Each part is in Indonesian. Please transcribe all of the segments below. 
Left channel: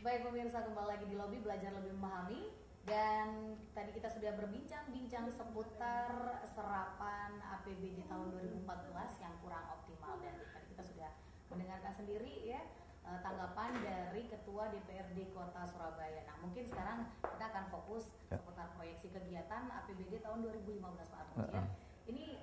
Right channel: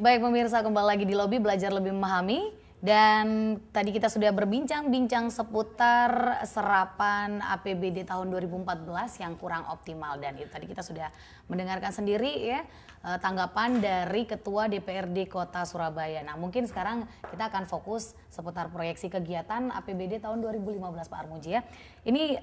Baik pemirsa, kembali lagi di Lobi Belajar Lebih Memahami. Dan tadi kita sudah berbincang-bincang seputar serapan APBD tahun 2014 yang kurang optimal. Dan itu tadi kita sudah mendengarkan sendiri ya tanggapan dari Ketua DPRD Kota Surabaya. Nah mungkin sekarang kita akan fokus seputar proyeksi kegiatan APBD tahun 2015 Pak Armuji ya. Ini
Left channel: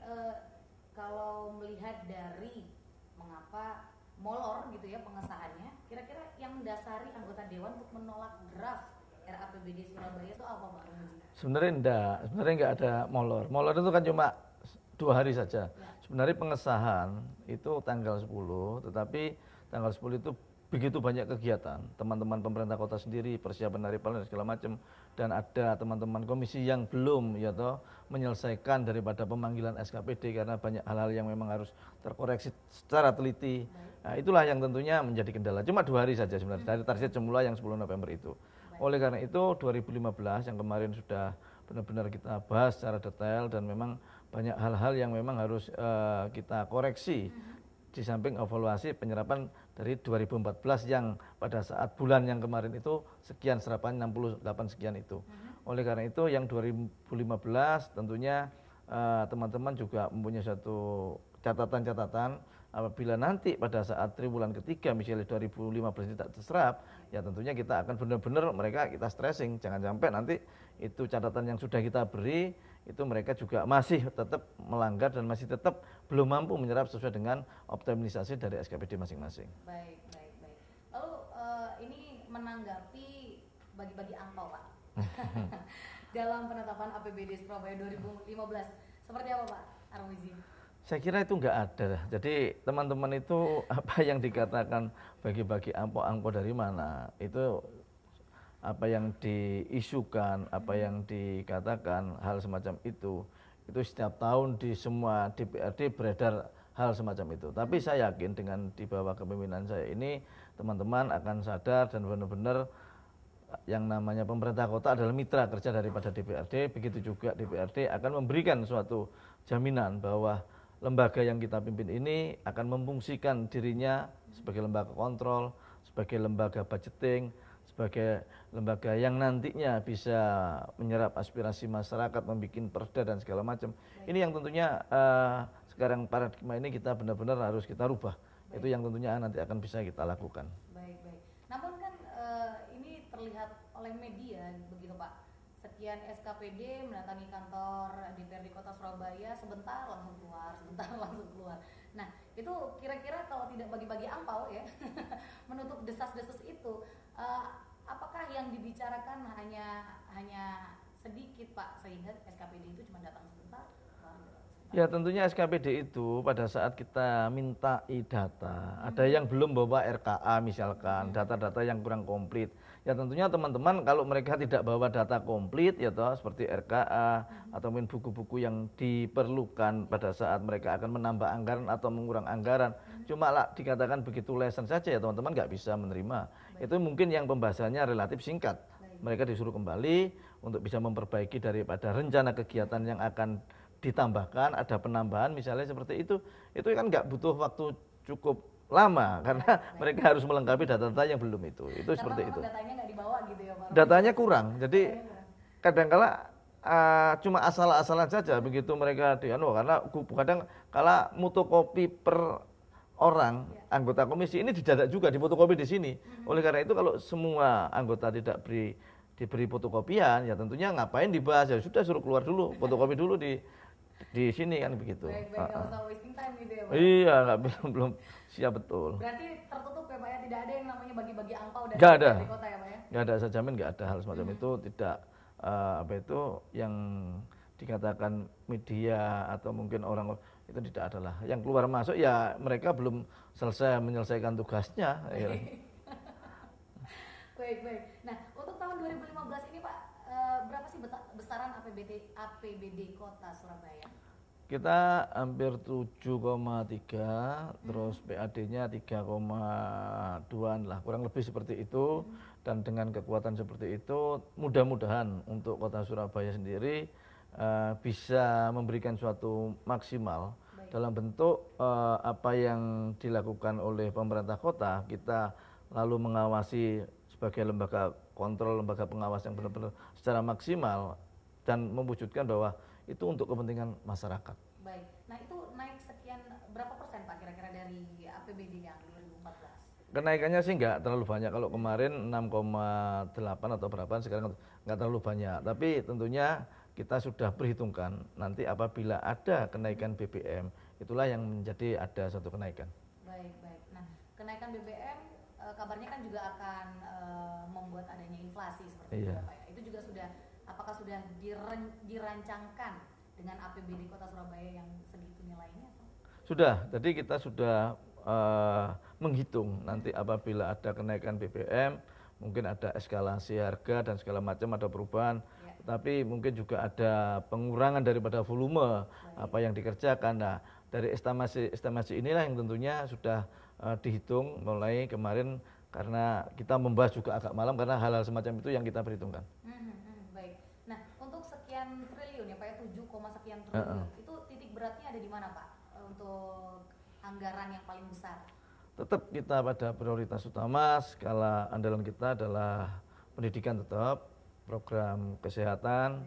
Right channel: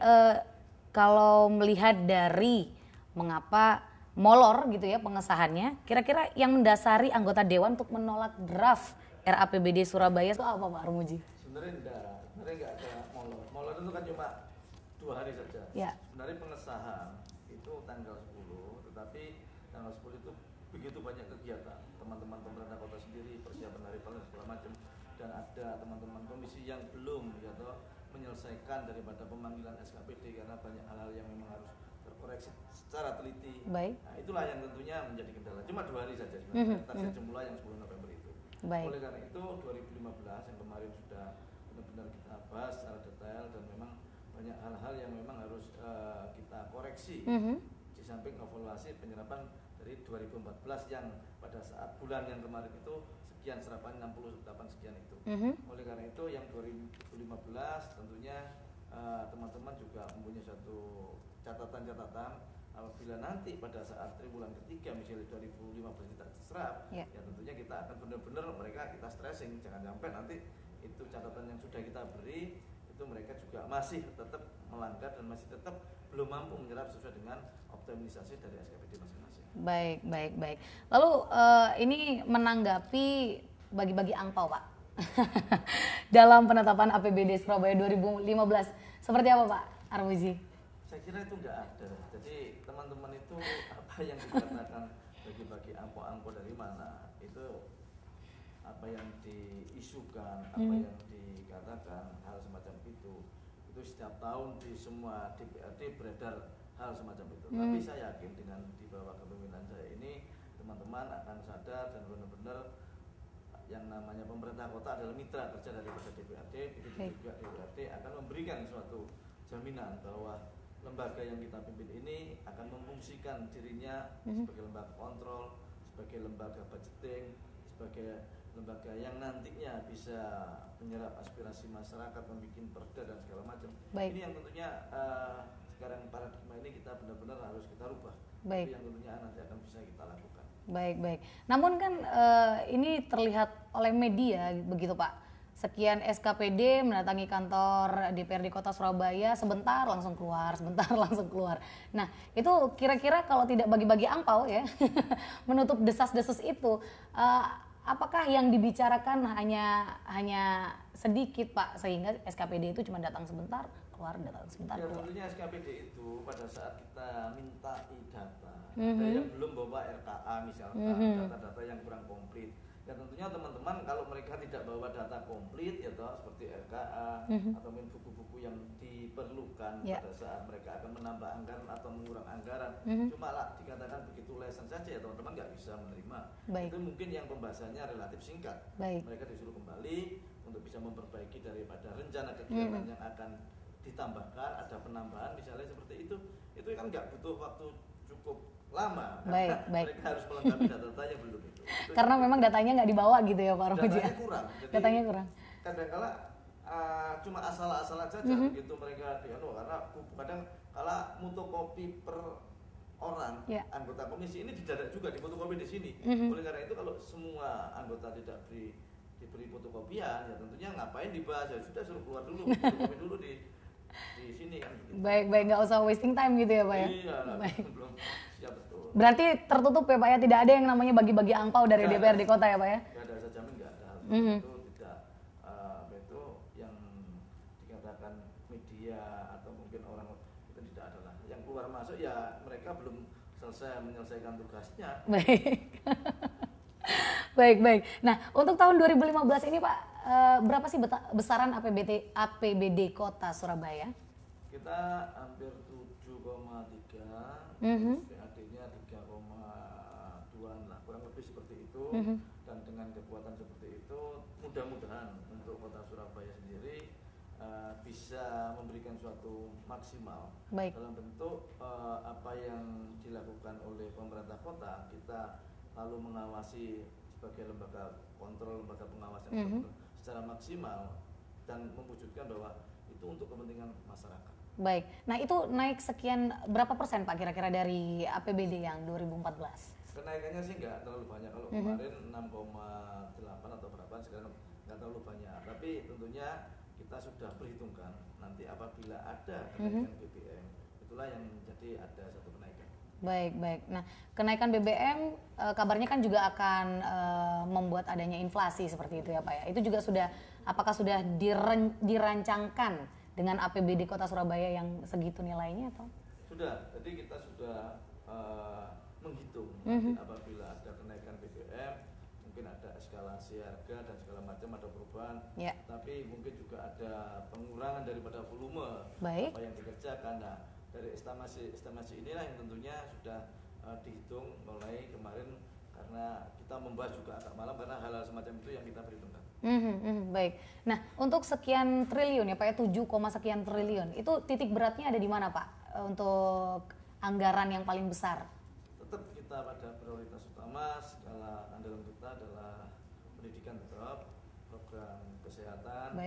kalau melihat dari mengapa molor gitu ya pengesahannya, kira-kira yang mendasari anggota Dewan untuk menolak draft RAPBD Surabaya itu apa Pak Armuji? Sebenarnya enggak ada molor. Molor itu kan cuma 2 hari saja. Ya. Sebenarnya pengesahan itu tanggal 10, tetapi tanggal 10 itu begitu banyak kegiatan. Teman-teman pemerintah kota sendiri, persiapan dari paling segala macam, dan ada teman-teman komisi yang belum ya toh menyelesaikan daripada pemanggilan SKPD karena banyak hal-hal yang memang harus terkoreksi secara teliti. Baik. Nah, itulah yang tentunya menjadi kendala. Cuma 2 hari saja sebenarnya dari target semula yang 10 November itu. Baik. Oleh karena itu 2015 yang kemarin sudah benar-benar kita bahas secara detail dan memang banyak hal-hal yang memang harus kita koreksi. Di samping evaluasi penyerapan dari 2014 yang pada saat bulan yang kemarin itu sekian serapan 68 sekian itu. Oleh karena itu yang 2015 tentunya teman-teman juga mempunyai satu catatan-catatan apabila nanti pada saat triwulan ketiga misalnya 2015 tidak terserap, ya tentunya kita akan benar-benar mereka kita stressing, jangan sampai nanti itu catatan yang sudah kita beri itu mereka juga masih tetap melanggar dan masih tetap belum mampu menyerap sesuai dengan optimalisasi dari SKPD masing-masing. Baik. Lalu ini menanggapi bagi-bagi angpau Pak dalam penetapan APBD Surabaya 2015 seperti apa Pak Armuji? Saya kira itu enggak ada. Jadi teman-teman itu apa yang dikatakan bagi-bagi angpau dari mana itu apa yang diisukan, apa yang dikatakan hal semacam itu setiap tahun di semua DPRD beredar hal semacam itu. Tapi saya yakin dengan di bawah kepemimpinan saya ini teman-teman akan sadar dan benar-benar yang namanya pemerintah kota adalah mitra kerja daripada DPRD. Begitu juga DPRD akan memberikan suatu jaminan bahwa lembaga yang kita pimpin ini akan memfungsikan dirinya sebagai lembaga kontrol, sebagai lembaga budgeting, sebagai lembaga yang nantinya bisa menyerap aspirasi masyarakat, membuat perda dan segala macam. Ini yang tentunya sekarang paradigma ini kita benar-benar harus kita rubah. Itu yang tentunya nanti akan bisa kita lakukan. Baik. Namun kan ini terlihat oleh media begitu Pak. Sekian SKPD mendatangi kantor DPRD Kota Surabaya, sebentar langsung keluar. Nah, itu kira-kira kalau tidak bagi-bagi angpau ya, menutup desas-desus itu, apakah yang dibicarakan hanya sedikit Pak, sehingga SKPD itu cuma datang sebentar, keluar datang sebentar? Ya tentunya SKPD itu pada saat kita minta data, ada yang belum bawa RKA misalkan, data-data yang kurang komplit. Ya tentunya teman-teman kalau mereka tidak bawa data komplit ya toh seperti RKA atau mungkin buku-buku yang diperlukan pada saat mereka akan menambah anggaran atau mengurang anggaran, cuma lah dikatakan begitu lesan saja ya teman-teman nggak bisa menerima. Itu mungkin yang pembahasannya relatif singkat. Mereka disuruh kembali untuk bisa memperbaiki daripada rencana kegiatan yang akan ditambahkan, ada penambahan misalnya seperti itu kan nggak butuh waktu cukup lama karena mereka harus melengkapi data-data yang belum itu karena memang datanya nggak dibawa gitu ya Pak Armuji. Datanya kurang, jadi kadang-kala cuma asal-asalan saja begitu mereka karena kadang kala fotokopi per orang anggota komisi ini didadak juga di fotokopi di sini. Oleh karena itu kalau semua anggota tidak diberi fotokopian ya tentunya ngapain dibahas, ya sudah suruh keluar dulu fotokopi dulu di sini kan begitu. Baik, nggak usah wasting time gitu ya Pak. Iya, belum siap betul. Berarti tertutup ya Pak ya, tidak ada yang namanya bagi-bagi angpau dari DPRD Kota ya Pak ya? Nggak ada, saya jamin nggak ada hal semacam itu, tidak yang dikatakan media atau mungkin orang itu tidak adalah. Yang keluar masuk ya mereka belum selesai menyelesaikan tugasnya. Baik. Nah, untuk tahun 2015 ini Pak, berapa sih besaran APBD Kota Surabaya? Kita hampir 7,3, terus PAD-nya 3,2 lah, kurang lebih seperti itu. Dan dengan kekuatan seperti itu, mudah-mudahan untuk Kota Surabaya sendiri bisa memberikan suatu maksimal dalam bentuk apa yang dilakukan oleh pemerintah kota. Kita lalu mengawasi sebagai lembaga kontrol, lembaga pengawas yang benar-benar secara maksimal dan mewujudkan bahwa itu untuk kepentingan masyarakat. Baik, nah itu naik sekian berapa persen Pak kira-kira dari APBD yang 2014? Kenaikannya sih nggak terlalu banyak. Kalau kemarin 6,8 atau berapa, sekarang nggak terlalu banyak. Tapi tentunya kita sudah perhitungkan nanti apabila ada kenaikan BBM, itulah yang menjadi ada satu kenaikan. Baik, baik. Nah, kenaikan BBM kabarnya kan juga akan membuat adanya inflasi seperti itu ya Pak ya. Itu juga apakah sudah dirancangkan dengan APBD Kota Surabaya yang segitu nilainya atau? Sudah, jadi kita sudah menghitung nanti apabila ada kenaikan BBM, mungkin ada eskalasi harga dan segala macam, ada perubahan, tapi mungkin juga ada pengurangan daripada volume apa yang dikerjakan. Nah, dari estimasi inilah yang tentunya sudah dihitung mulai kemarin, karena kita membahas juga agak malam karena hal-hal semacam itu yang kita perhitungkan. Baik. Nah, untuk sekian triliun ya Pak ya, 7, sekian triliun, itu titik beratnya ada di mana Pak untuk anggaran yang paling besar? Tetap kita pada prioritas utama, skala andalan kita adalah pendidikan tetap, program kesehatan,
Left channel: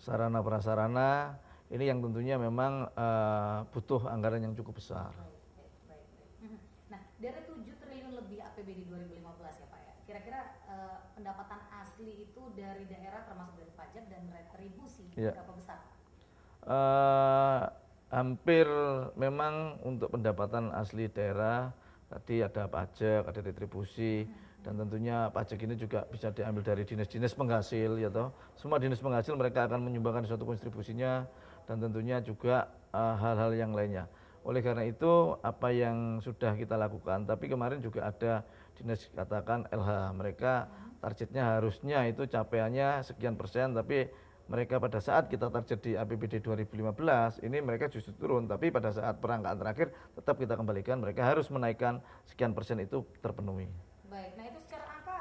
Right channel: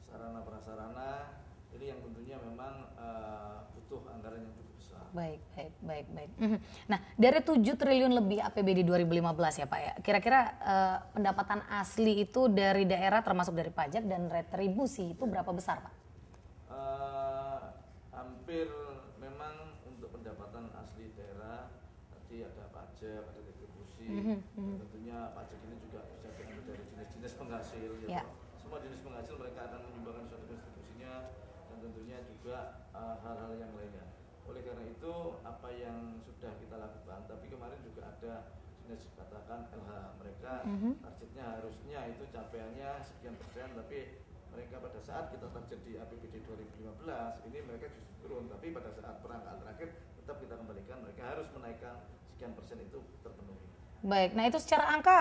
sarana prasarana, ini yang tentunya memang butuh anggaran yang cukup besar. Baik. Nah, dari 7 triliun lebih APBD 2015 ya Pak ya, kira-kira pendapatan asli itu dari daerah termasuk dari pajak dan retribusi itu berapa besar Pak? Hampir memang untuk pendapatan asli daerah, tadi ada pajak, ada retribusi, dan tentunya pajak ini juga bisa diambil dari dinas-dinas penghasil, ya toh. Semua dinas penghasil mereka akan menyumbangkan suatu kontribusinya, dan tentunya juga hal-hal yang lainnya. Oleh karena itu, apa yang sudah kita lakukan, tapi kemarin juga ada dinas katakan LH, mereka targetnya harusnya itu capaiannya sekian persen, tapi mereka pada saat kita target di APBD 2015 ini mereka justru turun, tapi pada saat perangkaan terakhir tetap kita kembalikan, mereka harus menaikkan sekian persen itu terpenuhi. Baik, nah itu secara angka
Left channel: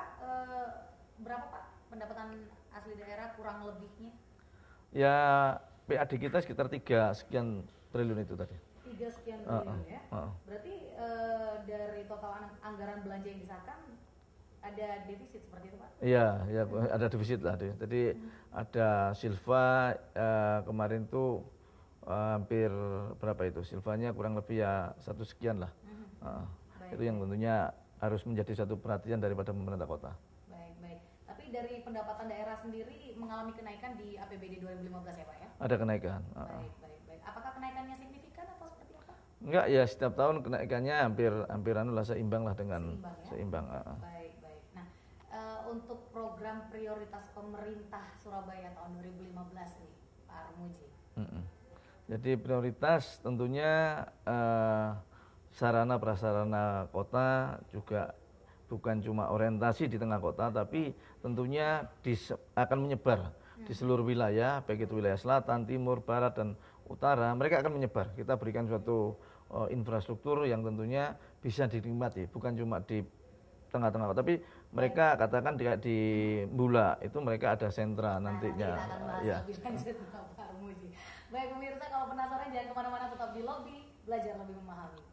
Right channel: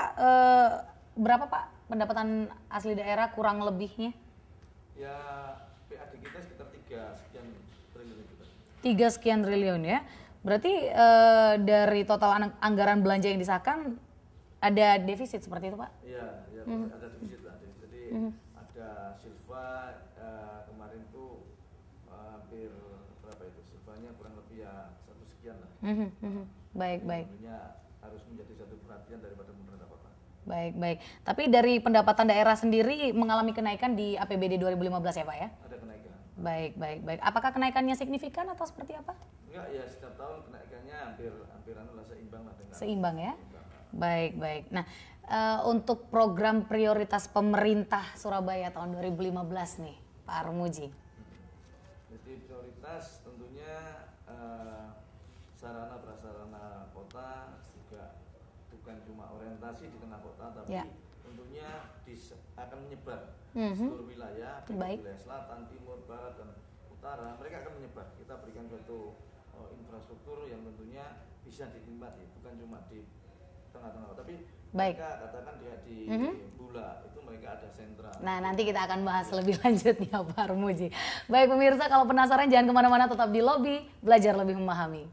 berapa Pak pendapatan asli daerah kurang lebihnya? Ya PAD kita sekitar 3 sekian triliun itu tadi. 3 sekian triliun ya. Berarti dari total anggaran belanja yang disahkan ada defisit seperti itu Pak? Iya, ya, ada defisit tadi. Jadi ada silva kemarin tuh hampir berapa itu? Silvanya kurang lebih ya 1 sekian lah. Itu yang tentunya harus menjadi satu perhatian daripada pemerintah kota. Baik. Tapi dari pendapatan daerah sendiri mengalami kenaikan di APBD 2015 ya Pak ya? Ada kenaikan. Baik. Apakah kenaikannya signifikan atau seperti apa? Enggak, ya setiap tahun kenaikannya hampir seimbang lah dengan. Seimbang ya? Seimbang. Baik. Nah, untuk program prioritas pemerintah Surabaya tahun 2015 nih, Pak Armuji. Jadi prioritas tentunya sarana prasarana kota juga bukan cuma orientasi di tengah kota, tapi tentunya akan menyebar di seluruh wilayah, baik itu wilayah selatan, timur, barat, dan utara. Mereka akan menyebar. Kita berikan suatu infrastruktur yang tentunya bisa dinikmati, bukan cuma di tengah-tengah kota, tapi mereka katakan di Bula itu mereka ada sentra. Nah, nanti kita akan bahas lebih lanjut ya Pak Armuji. Baik pemirsa, kalau penasaran jangan kemana-mana, tetap di Lobi, belajar lebih memahami.